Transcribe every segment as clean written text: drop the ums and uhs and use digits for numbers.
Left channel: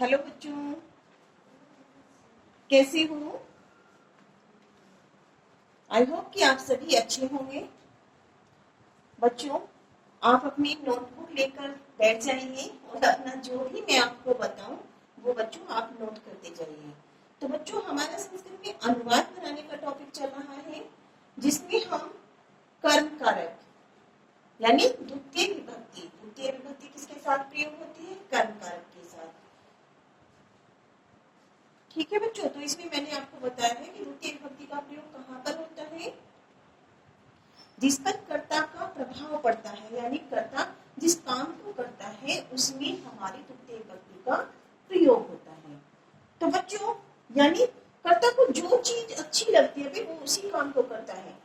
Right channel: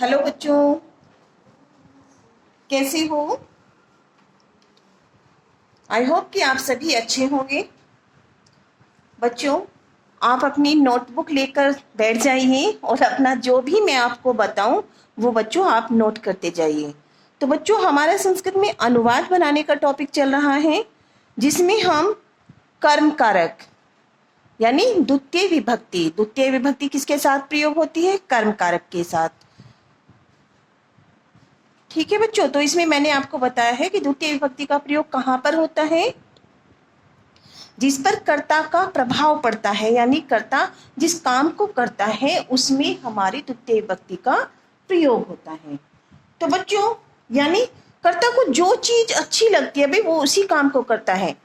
Hello बच्चों, कैसे हो? आई होप कि आप सभी अच्छे होंगे। बच्चों, आप अपनी नोटबुक लेकर बैठ जाइए और अपना जो भी मैं आपको बताऊं वो बच्चों आप नोट करते जाइए। तो बच्चों, हमारा संस्कृत में अनुवाद बनाने का टॉपिक चल रहा है, जिसमें हम कर्म कारक यानी द्वितीय विभक्ति किसके साथ प्रयोग होती है? कर्म कारक के साथ। ठीक है बच्चों, तो इसमें मैंने आपको बताया है कि द्वितीय विभक्ति का प्रयोग कहाँ पर होता है? जिस पर कर्ता का प्रभाव पड़ता है, यानी कर्ता जिस काम को करता है उसमें हमारी द्वितीय विभक्ति का प्रयोग होता है। तो बच्चों, यानी कर्ता को जो चीज अच्छी लगती है भाई वो उसी काम को करता है।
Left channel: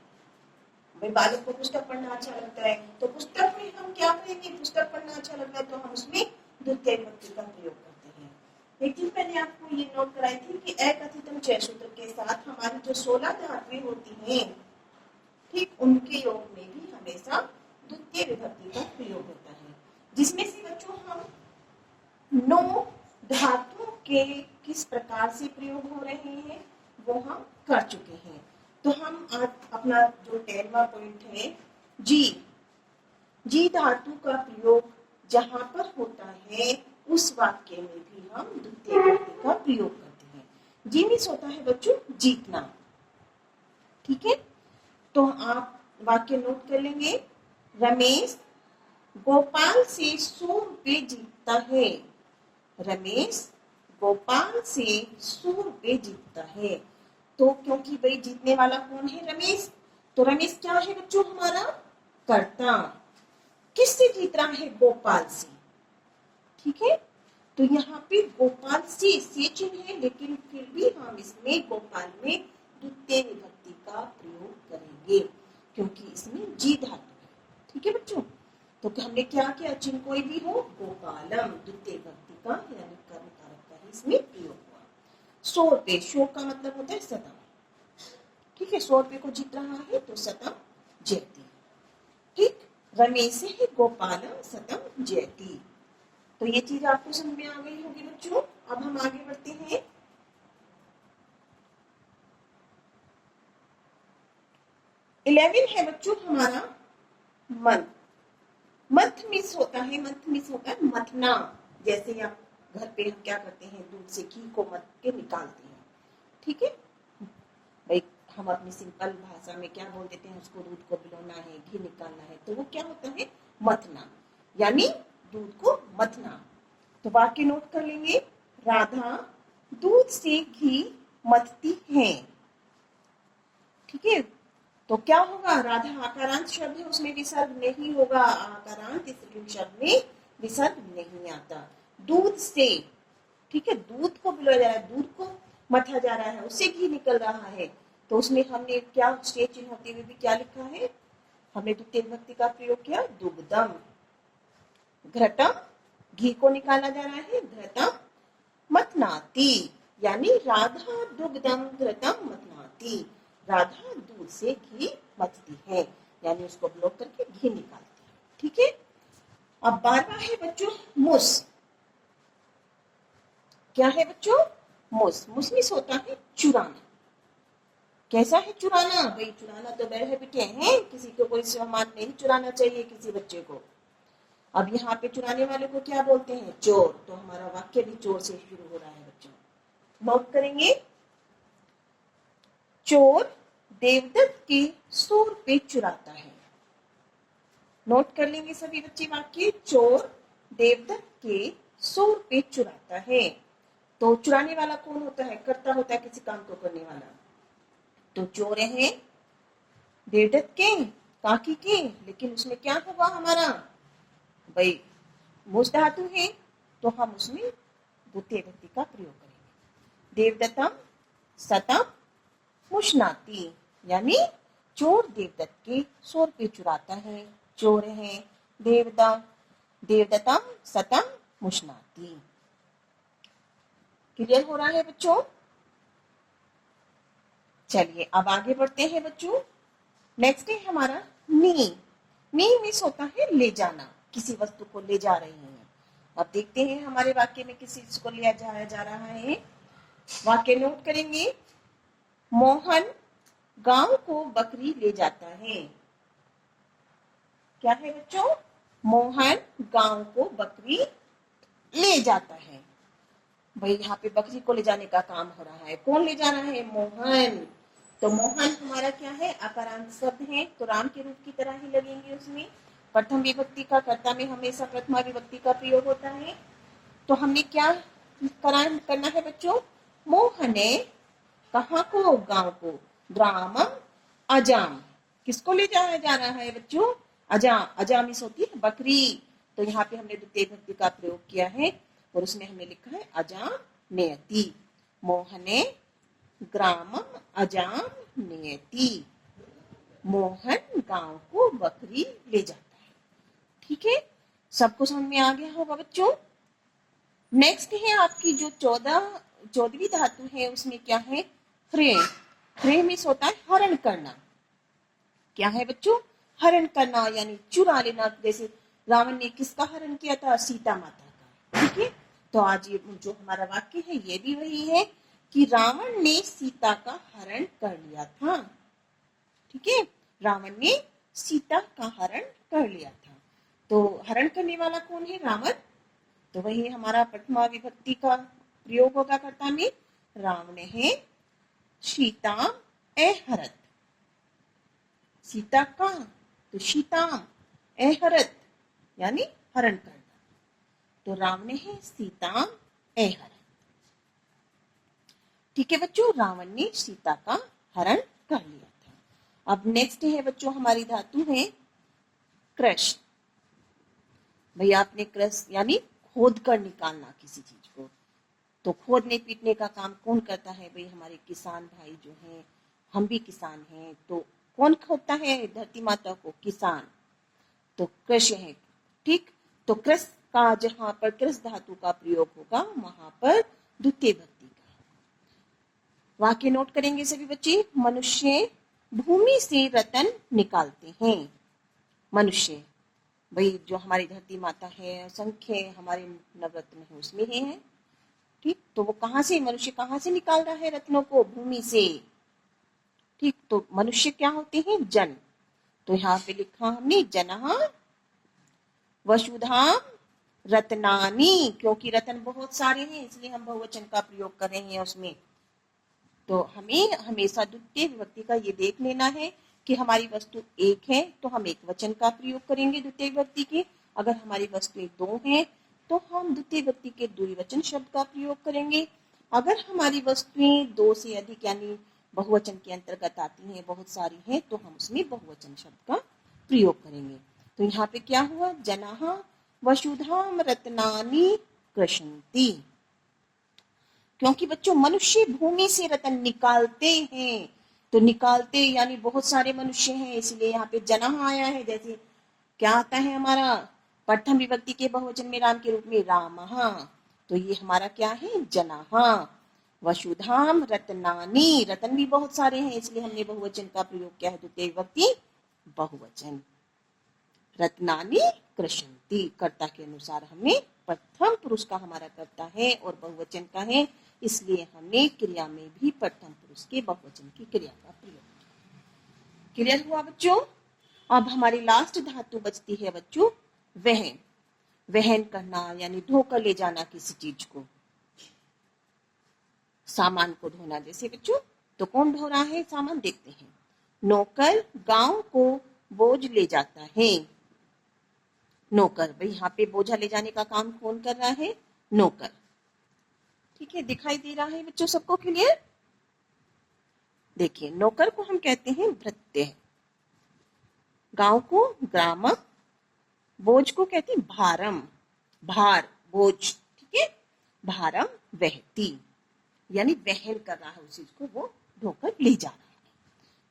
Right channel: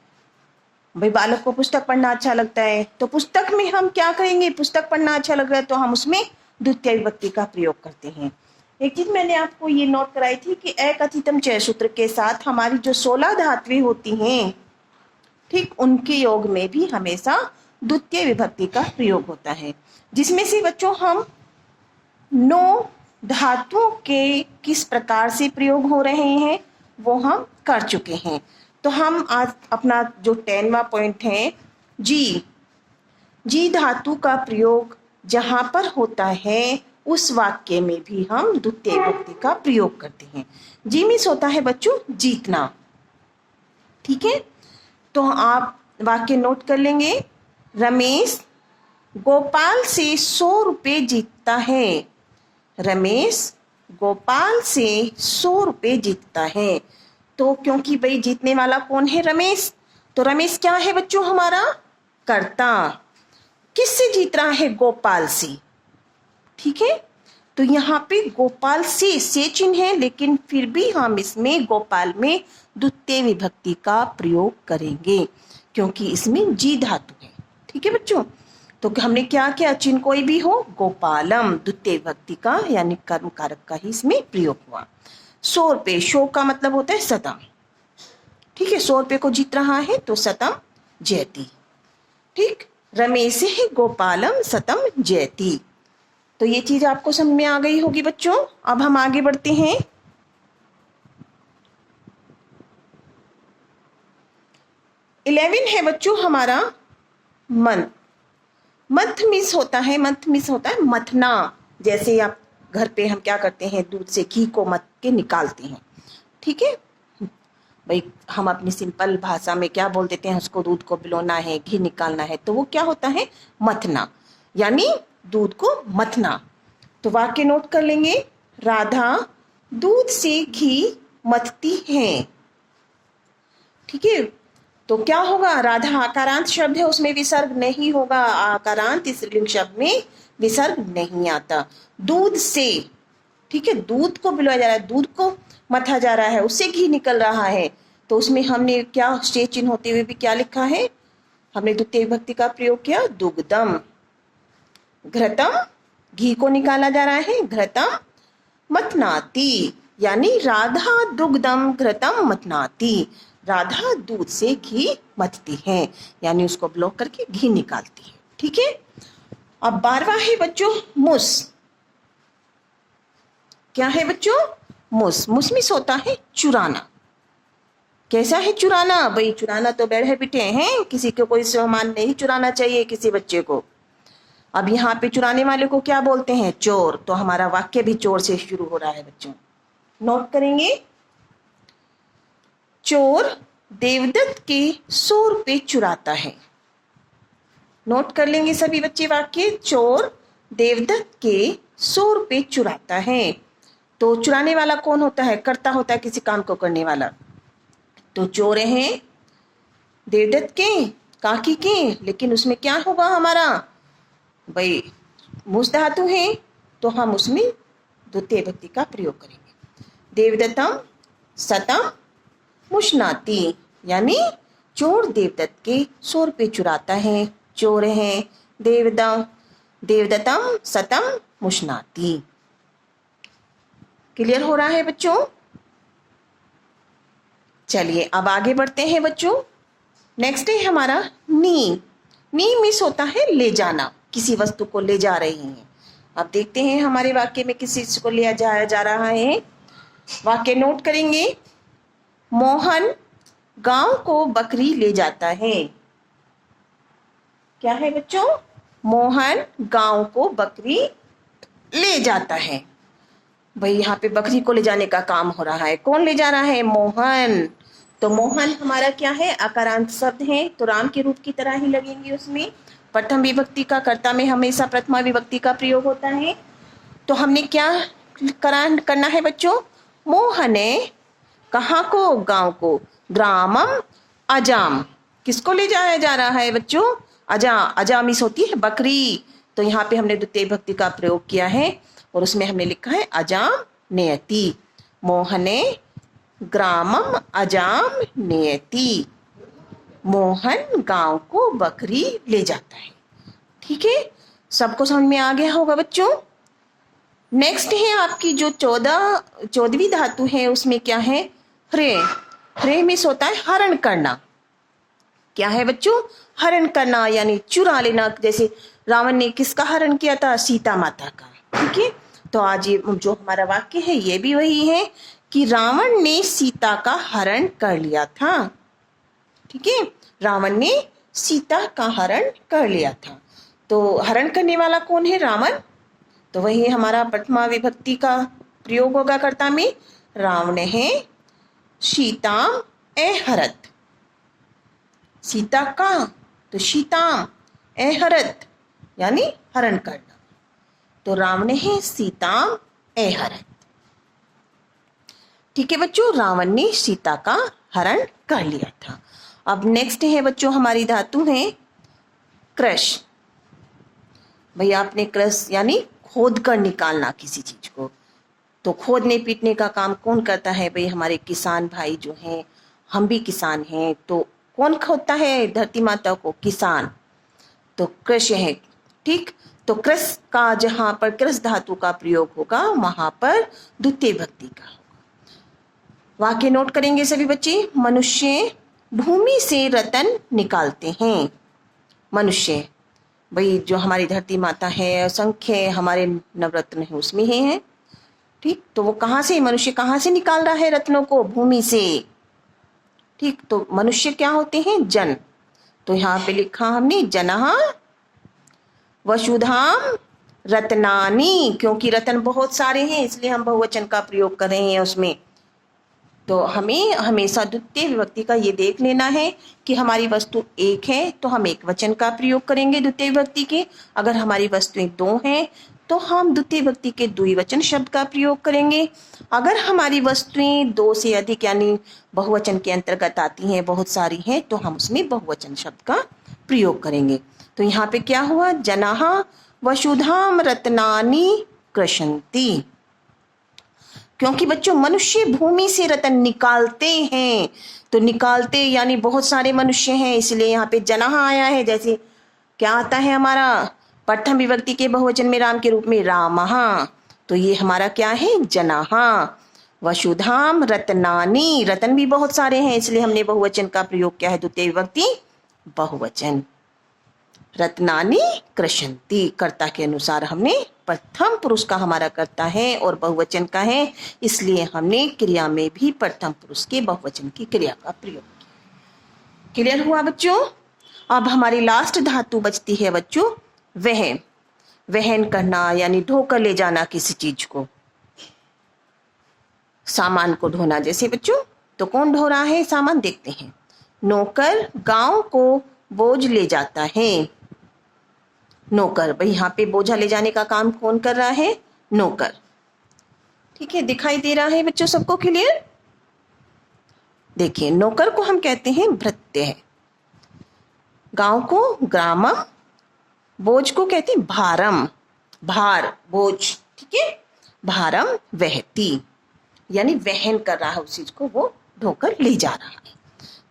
भाई बालक को पुस्तक पढ़ना अच्छा लगता है तो पुस्तक में हम क्या करेंगे? पुस्तक पढ़ना अच्छा लग रहा है तो हम उसमें द्वितीय विभक्ति का प्रयोग करते हैं। एक चीज मैंने आपको ये नोट कराई थी कि एकथितम चय सूत्र के साथ हमारी जो 16 धातुएं होती हैं, ठीक उनके योग में भी हमेशा द्वितीय विभक्ति का प्रयोग होता है, जिसमें से बच्चों हम 9 धातुओं के किस प्रकार से प्रयोग हो रहे हैं वो हम कर चुके हैं। तो हम आज अपना जो 10वां पॉइंट है, जी धातु का प्रयोग जहां पर होता है उस वाक्य में भी हम द्वितीय विभक्ति का प्रयोग करते हैं। जी मीन्स होता है बच्चों जीतना। ठीक है, तो आप वाक्य नोट कर लेंगे। रमेश गोपाल से 100 रुपये जीतता है। रमेश गोपाल से 100 रुपये जीतता है। तो क्योंकि भाई जीतने वाला कौन है? रमेश। तो रमेश क्या है बच्चों? हमारा कर्ता। किससे जीत रहा है? गोपाल से। ठीक है, तो यहाँ पे गोपाल से चिन्ह है, लेकिन फिर भी हम इसमें गोपाल में द्वितीय विभक्ति का प्रयोग करेंगे क्योंकि इसमें जी धातु है। ठीक है बच्चों, तो हमने क्या किया? चिन्ह कोई भी हो, गोपालम द्वितीय विभक्ति का यानी कर्म कारक का ही इसमें प्रयोग हुआ। 100 रुपये, 100 का मतलब होता है शतम। ठीक है, 100 रुपये को जीत रहा है तो शतम जयति। ठीक, रमेश है गोपालम शतम जयति। तो ये चीज आपको समझ में आ गई होगी बच्चों। अब हम आगे बढ़ते हैं। इलेवन है बच्चों हमारा मंथ। मंथ मिस होता है मथना। जैसे आप घर पे हम क्या करते हैं? दूध से घी को मथ के निकालते हैं। ठीक है भाई, हम अपनी सिंपल भाषा में क्या बोल देते हैं? उसको दूध को बिलोना है, घी निकालना है, तो वो क्या होता है? मथना, यानी दूध को मथना। तो वाक्य नोट कर लेंगे। राधा दूध से घी मथती है। ठीक है, तो क्या होगा? राधा आकारांत शब्द है, उसमें विसर्ग नहीं होगा। आकारांत स्त्रीलिंग शब्द में विसर्ग नहीं आता। दूध से, ठीक है, दूध को पिलाया जा रहा है, दूध को मथा जा रहा है, उससे घी निकल रहा है, तो उसमें हमने क्या स्टेज चिन्ह होते हुए भी क्या लिखा है? हमने द्वितीय विभक्ति का प्रयोग किया, दुग्धम। घृतम, घी को निकाला जा रहा है, घृतम मथनाती, यानी राधा दुग्धम घृतम मथनाती। राधा दूध से घी मथती है, यानी उसको ब्लॉक करके घी निकालती है। ठीक है, अब 12वां है बच्चों मुस। क्या है बच्चों? मुस। मुसमिस होता है चुराना। कैसा है चुराना? भाई चुराना तो बैठ है बिटे हैं, किसी को कोई सामान नहीं चुराना चाहिए किसी बच्चे को। अब यहाँ पे चुराने वाले को क्या बोलते हैं? चोर। तो हमारा वाक्य भी चोर से शुरू हो रहा है बच्चों। नोट करेंगे। चोर देवदत्त के 100 रुपये चुराता है। नोट कर लेंगे सभी बच्चे वाक्य। चोर देवदत्त के 100 रुपये चुराता है। तो चुराने वाला कौन होता है? कर्ता होता है किसी काम को करने वाला। तो चोर हैं देवदत्त के, काकी के, लेकिन उसमें क्या होगा हमारा? भाई मुस धातु है तो हम उसमें द्वितीय विभक्ति का प्रयोग करेंगे। देवदत्तम सतम मुशनाती, यानी चोर देवदत्त के 100 रुपये चुराता है। चोर है देवदत्तम सतम मुशनाती। क्लियर हो रहा है बच्चों? चलिए अब आगे बढ़ते हैं बच्चों। नेक्स्ट है हमारा नी। नी मिस होता है ले जाना, किसी वस्तु को ले जा रही हैं। अब देखते हैं हमारे वाक्य में किस चीज को लिया जाया जा रहा है। वाक्य नोट करेंगे। मोहन गांव को बकरी ले जाता है। क्या है बच्चों? मोहन गांव को बकरी ले जाता है। भाई यहाँ पे बकरी को ले जाने का काम हो रहा है। कौन ले जा रहा है? मोहन। तो मोहन हमारा क्या है? आकारांत शब्द है, तो राम के रूप की तरह ही लगेंगे उसमें। प्रथम विभक्ति का कर्ता में हमेशा प्रथमा विभक्ति का प्रयोग होता है। तो हमने क्या करना है बच्चों? मोहने कहाँ को? गांव को। ग्रामम अजाम, किसको ले जाया जा रहा है बच्चों? अजामिस होती है बकरी। तो यहाँ पे हमने द्वितीय विभक्ति का प्रयोग किया है और उसमें हमने लिखा है अजाम नेयति। मोहने ग्रामम अजाम नेयति। मोहन गांव को बकरी ले जाता है। ठीक है, सबको समझ में आ गया होगा बच्चों। नेक्स्ट है आपकी जो 14वीं धातु है, उसमें क्या है? ह्रे। ह्रे में होता है हरण करना। क्या है बच्चों? हरण करना यानी चुरा लेना। जैसे रावण ने किसका हरण किया था? सीता माता का। ठीक है, तो आज ये जो हमारा वाक्य है ये भी वही है कि रावण ने सीता का हरण कर लिया था। ठीक है, रावण ने सीता का हरण कर लिया था। तो हरण करने वाला कौन है? रावण। तो वही हमारा प्रथमा विभक्ति का प्रयोग होगा कर्ता में। रावण है सीताम एहरत। सीता का, तो सीताम एहरत यानी हरण करना। तो रावण है सीताम एहरत। ठीक है बच्चों, रावण ने सीता का हरण कर लिया था। अब नेक्स्ट है बच्चों हमारी धातु है क्रश। भैया आपने क्रश यानी खोद कर निकालना किसी चीज को। तो खोदने पीटने का काम कौन करता है? भाई हमारे किसान भाई जो हैं, हम भी किसान हैं। तो कौन खोदता है धरती माता को? किसान। तो कृष है। ठीक, तो कृष का जहां पर कृष धातु का प्रयोग होगा वहां पर द्वितीय विभक्ति का होगा। वाक्य नोट करेंगे सभी बच्चे। मनुष्य भूमि से रतन निकालते हैं। मनुष्य, भाई जो हमारी धरती माता है, असंख्य हमारे नवरत्न है उसमें है। ठीक, तो वो कहाँ से, मनुष्य कहाँ से निकाल रहा है रत्नों को? भूमि से। ठीक, तो मनुष्य क्या होते हैं? जन। तो यहाँ पे लिखा हमने जनः वसुधाम रत्नानी, क्योंकि रत्न बहुत सारे हैं इसलिए हम बहुवचन का प्रयोग कर रहे हैं उसमें। तो हमें हमेशा द्वितीय विभक्ति का ये देख लेना है कि हमारी वस्तु एक है तो हम एक वचन का प्रयोग करेंगे द्वितीय विभक्ति के। अगर हमारी वस्तुएं दो हैं तो हम द्वितीय विभक्ति के द्विवचन शब्द का प्रयोग करेंगे। अगर हमारी वस्तुएं दो से अधिक यानी बहुवचन के अंतर्गत आती हैं, बहुत सारी हैं, तो हम उसमें बहुवचन शब्द का प्रयोग करेंगे। तो यहाँ पे क्या हुआ? जनाः वसुधाम रत्नानि कृषन्ति। क्योंकि बच्चों मनुष्य भूमि से रत्न निकालते हैं। तो निकालते यानी बहुत सारे मनुष्य हैं, इसलिए यहाँ पे जनाः आया है। जैसे क्या आता है हमारा प्रथम विभक्ति के बहुवचन में राम के रूप में रामः। तो ये हमारा क्या है? जनाः। वसुधाम रत्नानि, रत्न भी बहुत सारे हैं इसलिए हमने बहुवचन का प्रयोग किया है द्वितीय विभक्ति बहुवचन। रत्नानि कृषन्ति, कर्ता के अनुसार हमने प्रथम पुरुष का हमारा कर्ता है और बहुवचन का है, इसलिए हमने क्रिया में भी प्रथम पुरुष के बहुवचन की क्रिया का प्रयोग किया। क्लियर हुआ बच्चों? अब हमारी लास्ट धातु बचती है बच्चों वह। वहन करना यानी ढोकर ले जाना किसी चीज को, सामान को ढोना। जैसे बच्चों, तो कौन ढो रहा है सामान? देखते हैं। नौकर गांव को बोझ ले जाता है। नौकर, भाई यहाँ पे बोझा ले जाने का काम कौन कर रहा है? नौकर। ठीक है, दिखाई दे रहा है बच्चों सबको क्लियर? देखिए, नौकर को हम कहते हैं भृत्य, गांव को ग्रामम, बोझ को कहते हैं भारम, भार बोझ। ठीक है, भारम वहती यानी वहन कर रहा है उस चीज को, वो ढोकर ले जा रहा है।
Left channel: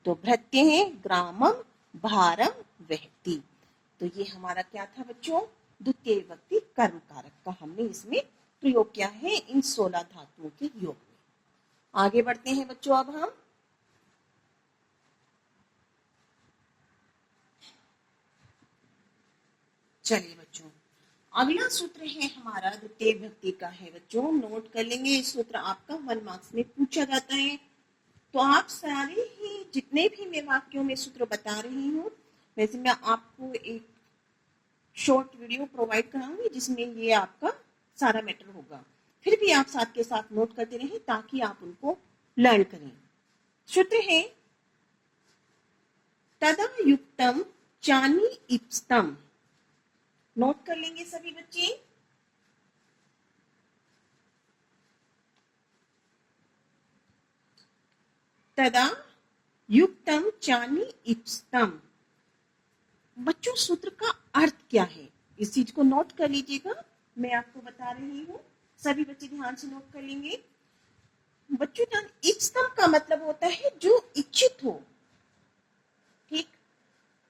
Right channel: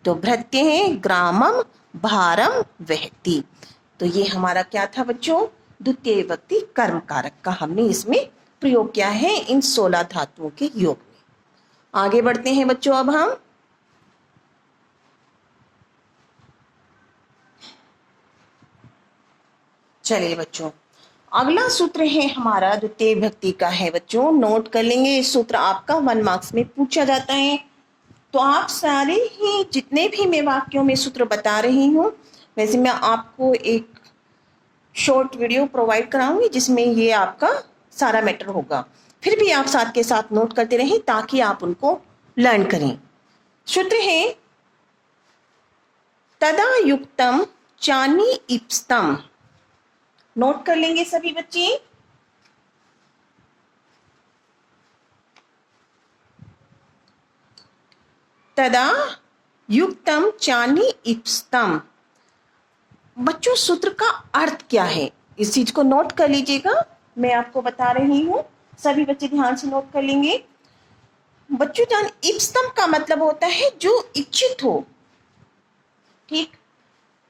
तो भृत्य है ग्रामम भारम वहती। तो ये हमारा क्या था बच्चों? द्वितीय विभक्ति कर्म कारक का हमने इसमें प्रयोग किया है इन 16 धातुओं के योग में। आगे बढ़ते हैं बच्चों। अब हम चलिए बच्चों, अगला सूत्र है हमारा द्वितीय विभक्ति का है बच्चों, नोट कर लेंगे। इस सूत्र आपका 1 मार्क्स में पूछा जाता है। तो आप सारे ही जितने भी मैं वाक्यों में सूत्र बता रही हूँ, वैसे मैं आपको एक शॉर्ट वीडियो प्रोवाइड कराऊंगी जिसमें ये आपका सारा मैटर होगा। फिर भी आप साथ के साथ नोट करते रहें ताकि आप उनको लर्न करें। सूत्र है तदा युक्तम चानी इप्स्तम। नोट कर लेंगे सभी बच्चे। तदा युक्तम चानी इप्स्तम। बच्चों सूत्र का अर्थ क्या है, इस चीज को नोट कर लीजिएगा। मैं आपको बता रही हूं, सभी बच्चे ध्यान से नोट कर लेंगे। बच्चों जान इप्स्तम का मतलब होता है जो इच्छित हो, ठीक,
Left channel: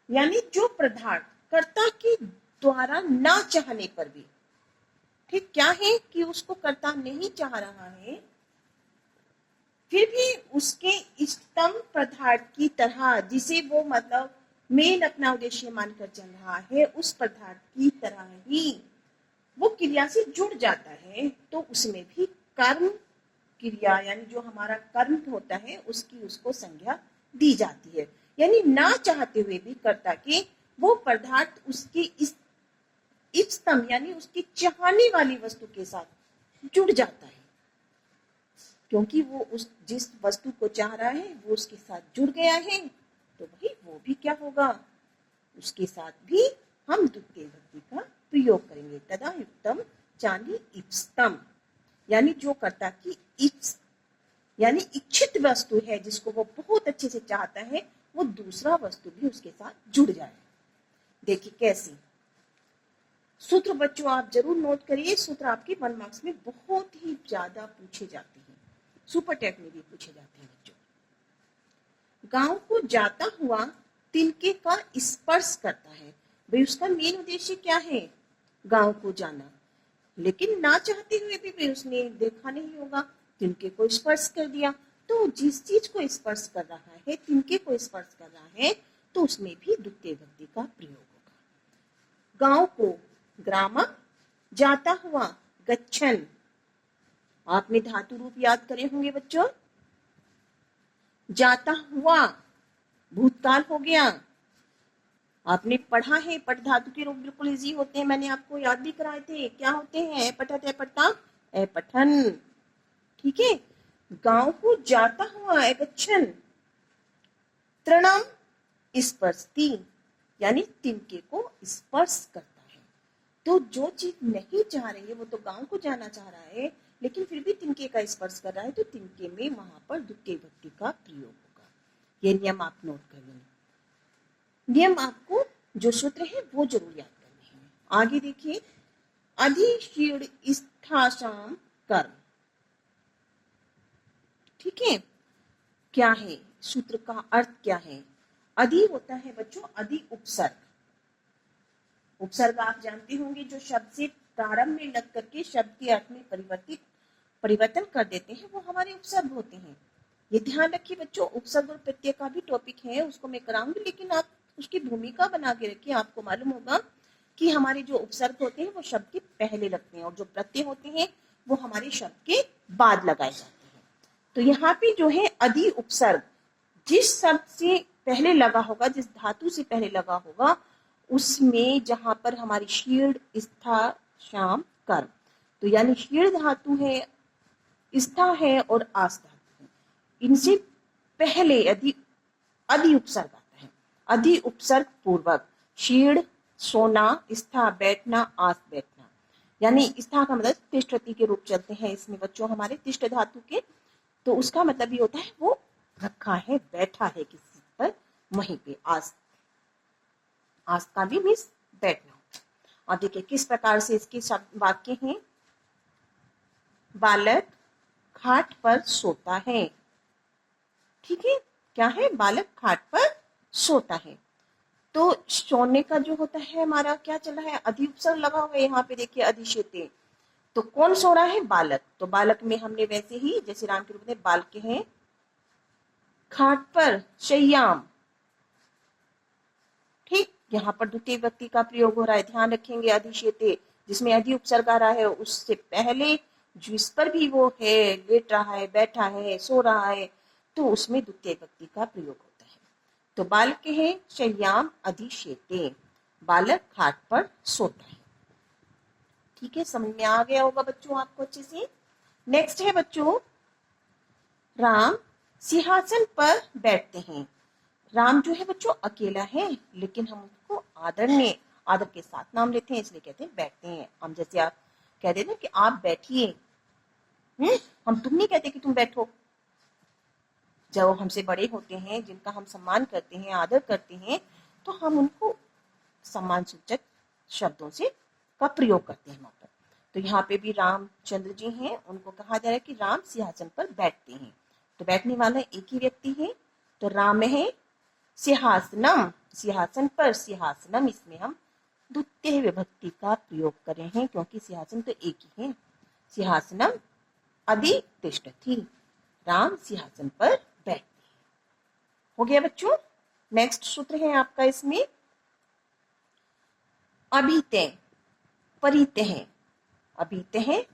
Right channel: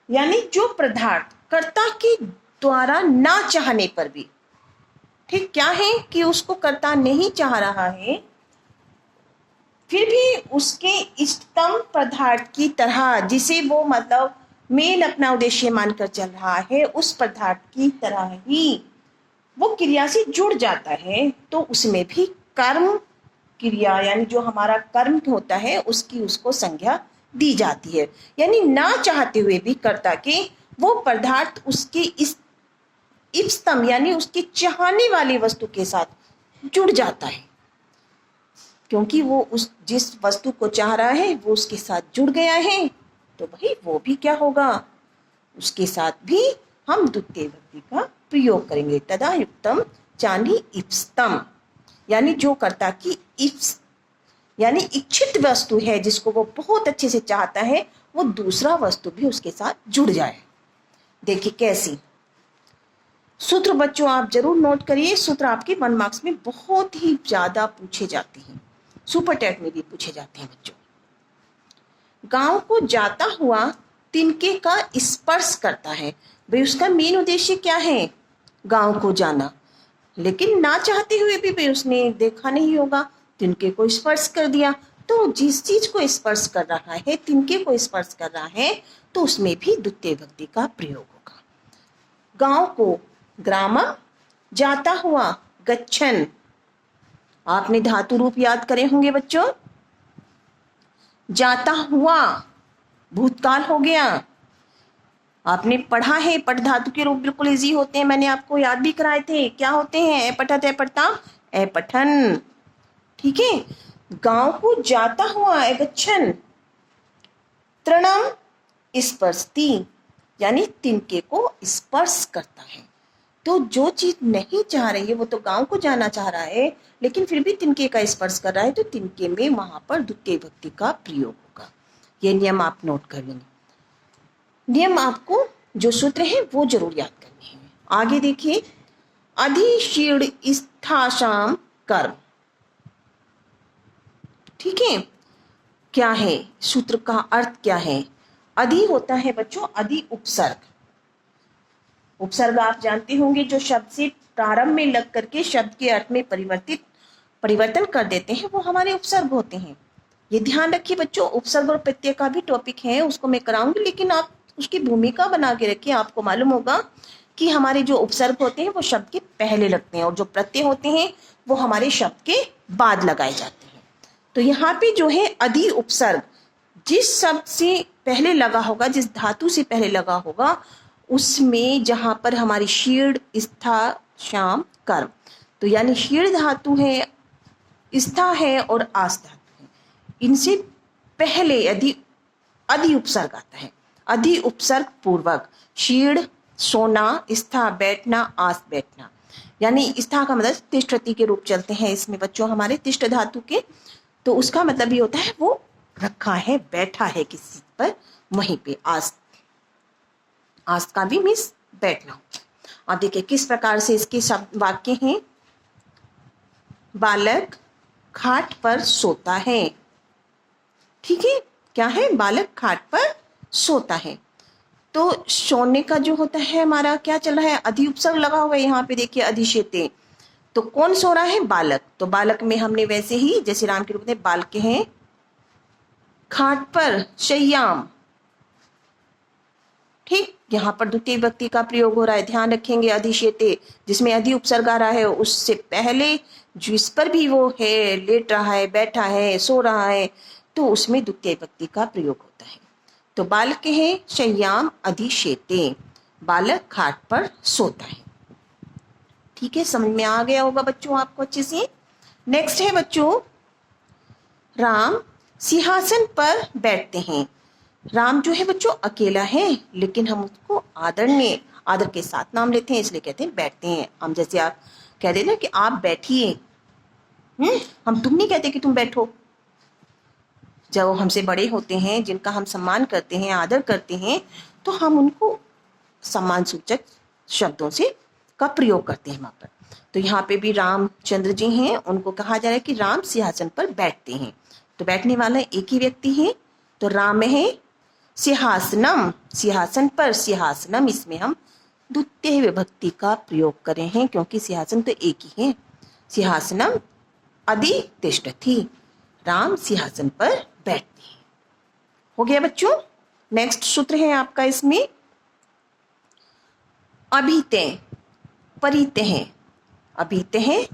यानी जो पदार्थ कर्ता के द्वारा ना चाहने पर भी, ठीक, क्या है कि उसको कर्ता नहीं चाह रहा है, फिर भी उसके इष्टतम पदार्थ की तरह, जिसे वो मतलब मेन अपना उद्देश्य मानकर चल रहा है, उस पदार्थ की तरह ही वो क्रिया से जुड़ जाता है, तो उसमें भी कर्म क्रिया यानी जो हमारा कर्म होता है उसकी उसको संज्ञा दी जाती है। यानी ना चाहते हुए भी कर्ता के वो पदार्थ उसके इस इष्टतम यानी उसकी चाहने वाली वस्तु के साथ जुड़ जाता है, क्योंकि वो उस जिस वस्तु को चाह रहा है वो उसके साथ जुड़ गया है, तो भाई वो भी क्या होगा, उसके साथ भी हम द्वितीय विभक्ति का प्रयोग करेंगे। तदा युक्तम चानी इप्स्तम, यानी जो कर्ता की इप्स यानी इच्छित वस्तु है जिसको वो बहुत अच्छे से चाहता है, वो दूसरा वस्तु भी उसके साथ जुड़ जाए। देखिए कैसी सूत्र बच्चों आप जरूर नोट करिए। सूत्र आपके 1 मार्क्स में बहुत ही ज्यादा पूछे जाते हैं, सुपर टेट में भी पूछे जाते हैं बच्चों। गांव को जाता हुआ तिनके का स्पर्श करता है। भाई उसका मेन उद्देश्य क्या है, गांव को जाना, लेकिन ना चाहते हुए भी भाई उसने देखा नहीं होगा, तिनके को स्पर्श कर दिया। तो जिस चीज को स्पर्श कर रहा है, तिनके को स्पर्श कर रहा है, तो उसमें भी द्वितीय विभक्ति का प्रयोग होगा। गांव को ग्राम, जाता हुआ गच्छन। आपने धातु रूप याद करे होंगे बच्चों। जाता हुआ भूतकाल हो गया, आपने पढ़ा है, पठ धातु के रूप बिल्कुल इजी होते हैं, मैंने आपको याद भी कराए थे। क्या होते हैं, पठत, पढ़ता, पठन, ठीक है। गांव को जाता हुआ गच्छन, तृणम स्पर्शति, यानी तिनके को स्पर्श करता है। तो जो चीज नहीं चाह रही है, वो तो गांव को जाना चाह रहा है, लेकिन फिर भी तिनके का स्पर्श कर रहा है, तो तिनके में वहां पर द्वितीय विभक्ति का प्रयोग होगा। ये नियम आप नोट कर लेंगे। नियम आपको जो सूत्र है वो जरूर याद करने हैं। आगे देखिए, अधिशीर्ण स्थाशाम कर्म, ठीक है। क्या है सूत्र का अर्थ, क्या है। अधि होता है बच्चों, अधि उपसर्ग। उपसर्ग आप जानते होंगे, जो शब्द से प्रारंभ में लग करके शब्द के अर्थ में परिवर्तन कर देते हैं, वो हमारे उपसर्ग होते हैं। ये ध्यान रखिए बच्चों, उपसर्ग और प्रत्यय का भी टॉपिक है, उसको मैं कराऊंगी, लेकिन आप उसकी भूमिका बना के रखिए। आपको मालूम होगा कि हमारे जो उपसर्ग होते हैं वो शब्द के पहले लगते हैं, और जो प्रत्यय होते हैं वो हमारे शब्द के बाद लगाए जाते हैं। तो यहाँ पे जो है अधि उपसर्ग, जिस शब्द से पहले लगा होगा, जिस धातु से पहले लगा होगा, उसमें जहां पर हमारी शीर्ण, स्था, शाम, कर्म, तो यानी शीर्ण धातु है, स्था है और आस धातु है, इनसे पहले अधि उपसर्ग आता है। अधि उपसर्ग पूर्वक शीर्ण सोना, स्था बैठना, आस बैठना, यानी स्था का मतलब तिष्ठति के रूप चलते हैं इसमें बच्चों हमारे तिष्ठ धातु के, तो उसका मतलब ये होता है वो रखा है, बैठा है किसी पर, वहीं पे आस, आस का भी मीन्स बैठना। और देखिए किस प्रकार से इसके शब्द वाक्य हैं। बालक खाट पर सोता है, ठीक है, क्या है, बालक खाट पर सोता है। तो सोने का जो होता है हमारा क्या चल रहा है, अधि उपसर्ग लगा हुआ है यहाँ पे, देखिए अधिशेते, तो कौन सो रहा है, बालक। तो बालक में हमने वैसे ही जैसे राम के रूप में बाल के हैं, खाट पर शय्याम, ठीक, यहाँ पर द्वितीय विभक्ति का प्रयोग हो रहा है, ध्यान रखेंगे। अधिशेते जिसमें अधि उपसर्ग आ रहा है, उससे पहले जिस पर भी वो है, लेट रहा है, बैठा है, सो रहा है, तो उसमें द्वितीय विभक्ति का प्रयोग होता है। तो बालक है शय्याम अधिशेते, बालक खाट पर सोता है। ठीक है, समझ में आ गया होगा बच्चों आपको अच्छे से। नेक्स्ट है बच्चों, राम सिंहासन पर बैठते हैं। राम जो है बच्चों अकेला है, लेकिन हम उसको आदरणीय आदर के साथ नाम लेते हैं, इसलिए कहते हैं बैठते हैं। हम जैसे आप कह देना कि आप बैठिए, हम तुम नहीं कहते कि तुम बैठो। जब हमसे बड़े होते हैं, जिनका हम सम्मान करते हैं, आदर करते हैं, तो हम उनको सम्मान सूचक शब्दों से का प्रयोग करते हैं वहां पर। तो यहाँ पे भी रामचंद्र जी हैं, उनको कहा जा रहा है कि राम सिंहासन पर बैठते हैं। तो बैठने वाला एक ही व्यक्ति है, तो राम है सिंहासनम, सिंहासन पर, सिंहासनम इसमें हम द्वितीय विभक्ति का प्रयोग कर रहे हैं, क्योंकि सिंहासन तो एक ही है। सिंहासनम अधितिष्ठति, राम सिंहासन पर बैठते हैं। हो गया बच्चों। नेक्स्ट सूत्र है आपका इसमें अभिते परिते हैं, अभिते हैं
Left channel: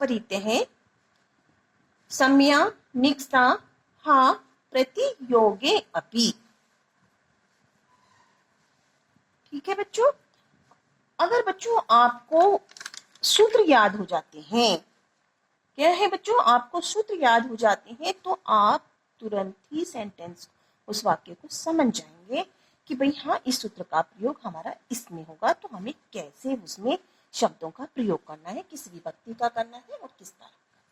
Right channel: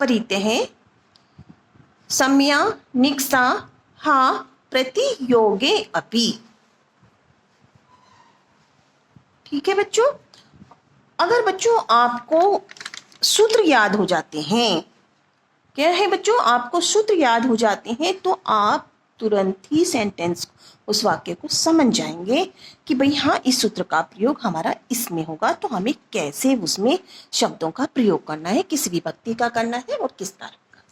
परिते हैं, सम्या निक्सा हा प्रतियोगे अपि। ठीक है बच्चों, अगर बच्चों आपको सूत्र याद हो जाते हैं, क्या है बच्चों, आपको सूत्र याद हो जाते हैं, तो आप तुरंत ही सेंटेंस, उस वाक्य को समझ जाएंगे कि भाई हाँ, इस सूत्र का प्रयोग हमारा इसमें होगा, तो हमें कैसे उसमें शब्दों का प्रयोग करना है, किस विभक्ति का करना है और किस कारक का।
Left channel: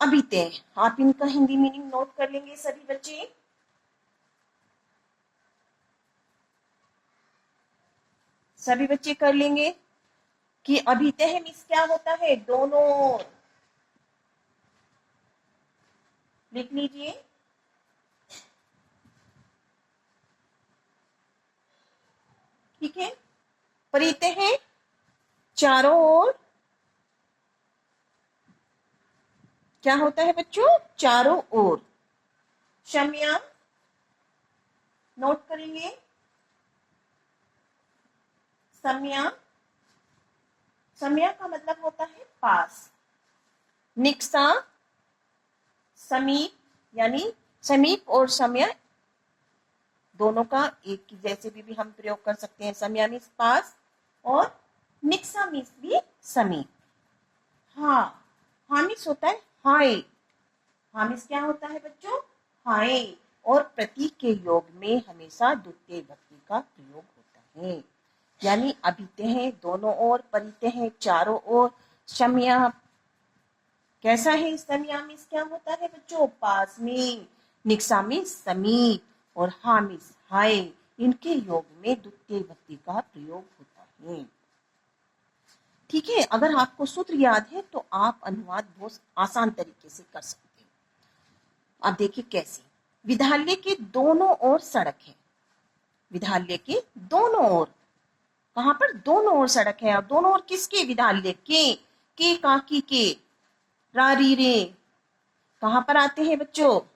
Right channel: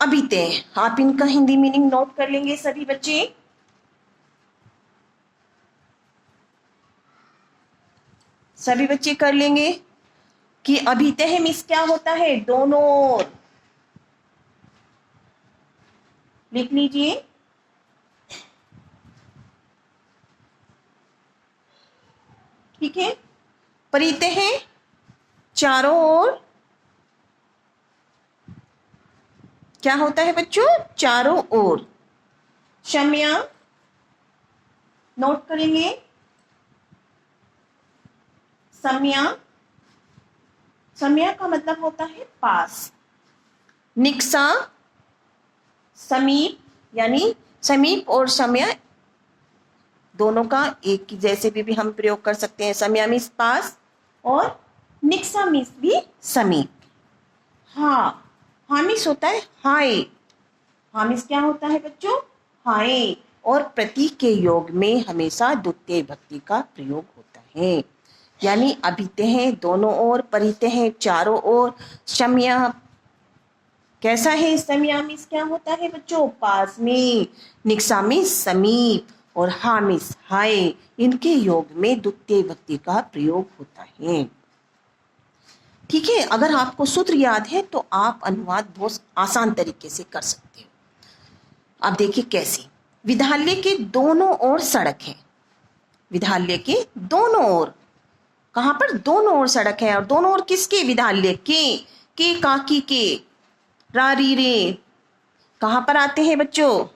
अभी तय आप इनका हिंदी मीनिंग नोट कर लेंगे सभी बच्चे। सभी बच्चे कर लेंगे कि अभितः मीन्स क्या होता है, दोनों ओर। लिख लीजिए। ठीक है, परिते है चारों ओर, क्या होता है बच्चों, चारों ओर। शम्या नोट करेंगे, सम्या, सम्या का मतलब होता है पास। निक्सा समीप, यानी समीप और सम्या दोनों का एक जैसे भी हम प्रयोग कर सकते हैं। सम्या मीन्स पास और निक्सा मीन्स भी समीप। हाँ, हाँ मीन्स होता है हाय, हाँ मीन्स क्या होता है बच्चों, हाय। और प्रतीक के योग में हमेशा द्वितीय विभक्ति का प्रयोग होता है, यानी अभिते हैं दोनों ओर, परिते हैं चारों ओर। शम्या कैसा है, सम्या मीन्स क्या होता है बच्चों, पास में। निक्सा मीन्स समीप और हा मीन्स हाय, इनके योग में द्वितीय विभक्ति का प्रयोग होता है। ठीक है, अगर आपको सूत्र याद है तो आप अनुवाद बहुत आसान तरीके से कर सकते हो। अब देखिए कैसे। विद्यालय के दोनों ओर सड़क है, विद्यालय के दोनों ओर, कहां पर, दोनों ओर सड़क है। और दोनों ओर किसके, विद्यालय के काकी के, रारी रे कहां पर आते हैं बच्चों,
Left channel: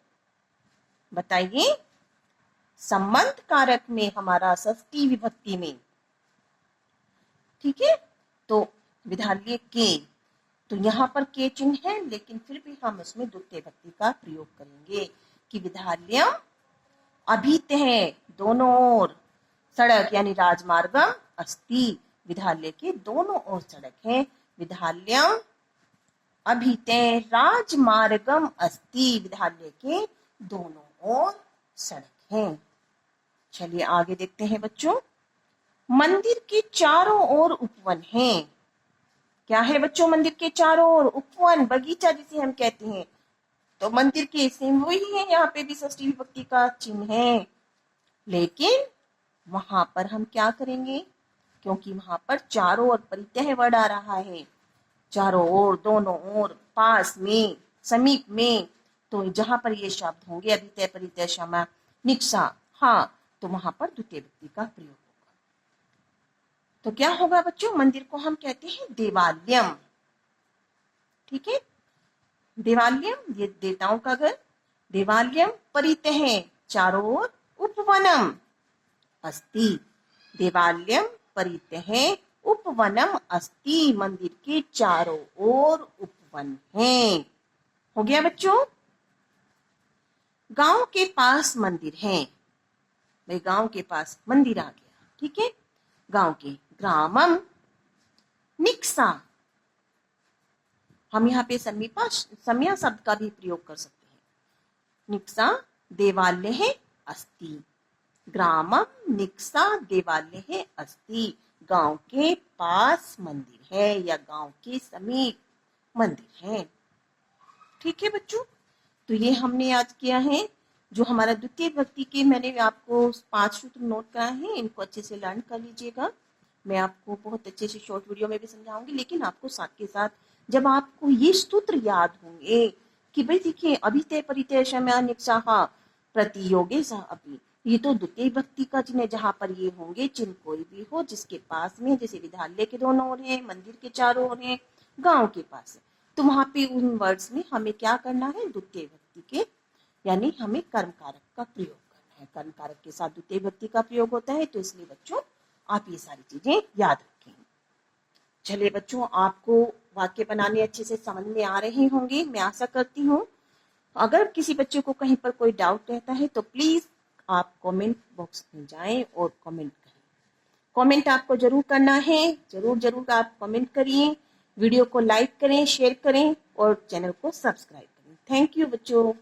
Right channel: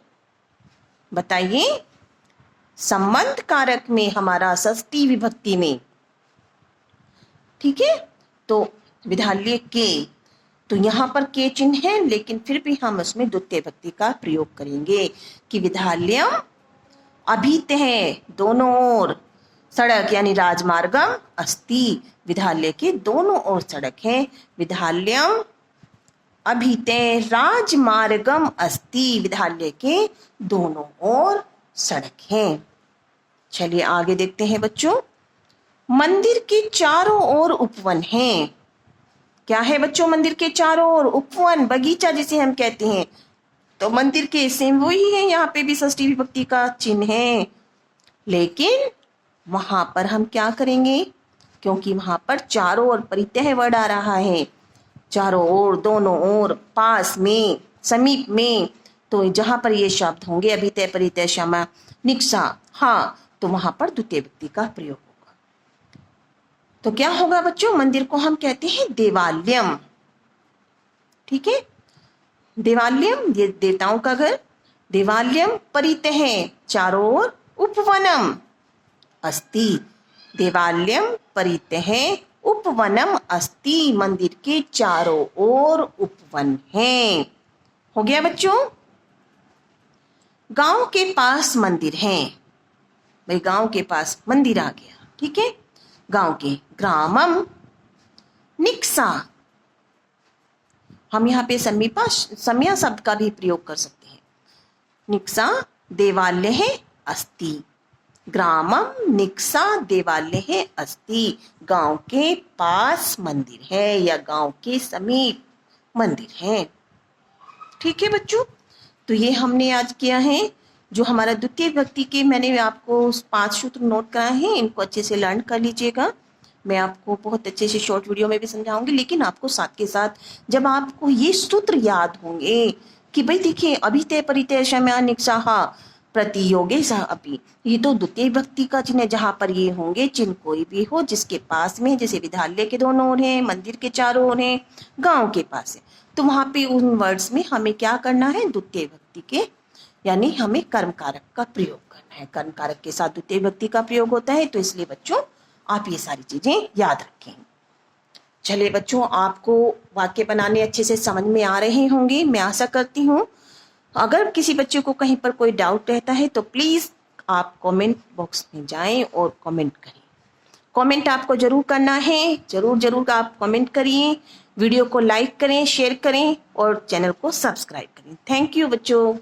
बताइए। संबंध कारक में, हमारा षष्ठी विभक्ति में। ठीक है, तो विद्यालय के, तो यहां पर के चिन्ह है, लेकिन फिर भी हम उसमें द्वितीय विभक्ति का प्रयोग करेंगे कि विद्यालयम अभित है दोनों ओर, सड़क यानी राजमार्गम अस्ति, विद्यालय के दोनों ओर सड़क है। विद्यालयम अभिते राजमार्गम अस्ति, विद्यालय के दोनों ओर सड़क है। चलिए आगे देखते हैं बच्चों। मंदिर के चारों ओर उपवन है, क्या है बच्चों, मंदिर के चारों ओर उपवन, बगीचा जिसे हम कहते हैं। तो मंदिर के सेम वही है, यहाँ पे भी षष्ठी विभक्ति का चिन्ह है, लेकिन वहां पर हम क्या करेंगे, क्योंकि वहां पर चारों ओर परित्यय वर्ड आ रहा है, चारों ओर, दोनों ओर, पास में, समीप में, तो जहां पर ये शब्द होंगे अभितय परितय क्षमा निक्सा हाँ, तो वहां पर द्वितीय विभक्ति का प्रयोग होगा। तो क्या होगा बच्चों, मंदिर को हम कहते हैं देवालयम। ठीक है, देवालयम ये देवताओं का घर, देवालयम परितः चारों ओर, उपवनम अस्ति। देवालयम परितः उपवनम अस्ति, मंदिर के चारों ओर उपवन है। हो गया बच्चों। गांव के पास मंदिर है, भाई गांव के पास मंदिर आ गया, ठीक है। गांव के ग्रामम निक्सा, हम यहाँ पे समीपा सम्या शब्द का भी प्रयोग कर सकते हैं। निक्सा देवालय अस्ति, ग्रामम निक्सा देवालय अस्ति, गांव के पास मंदिर है या गांव के समीप मंदिर है। ठीक है बच्चों, तो ये हमने आज किया है। जो हमारा द्वितीय विभक्ति के मैंने आपको 5 सूत्र नोट कराए हैं, इनको अच्छे से लर्न कर लीजिएगा। मैं आपको बहुत अच्छे से शॉर्ट वीडियो में भी समझाऊंगी, लेकिन आपको साथ के साथ जब आपको ये सूत्र याद होंगे कि भाई देखिए अभिते परिते शम्य निक्सा प्रतियोगे सह अपि, ये तो द्वितीय विभक्ति का चिन्ह है। जहां पर ये होंगे चिन्ह कोई भी हो जिसके पास में, जैसे विद्यालय के दोनों ओर है, मंदिर के चारों ओर है, गांव के पास है, तो वहां पे उन वर्ड्स में हमें क्या करना है, द्वितीय विभक्ति के यानी हमें कर्म कारक का प्रयोग करना है। कर्म कारक के साथ द्वितीय विभक्ति का प्रयोग होता है, तो इसलिए बच्चों आप ये सारी चीजें याद रखें। चलिए बच्चों, आपको वाक्य बनाने अच्छे से समझ में आ रहे होंगे, मैं आशा करती हूँ। अगर किसी बच्चे को कहीं पर कोई डाउट रहता है तो प्लीज आप कमेंट बॉक्स में जाएं और कमेंट करें। कमेंट आपको जरूर करना है, जरूर आप कमेंट करिए, वीडियो को लाइक करें, शेयर करें और चैनल को सब्सक्राइब करें। थैंक यू बच्चों।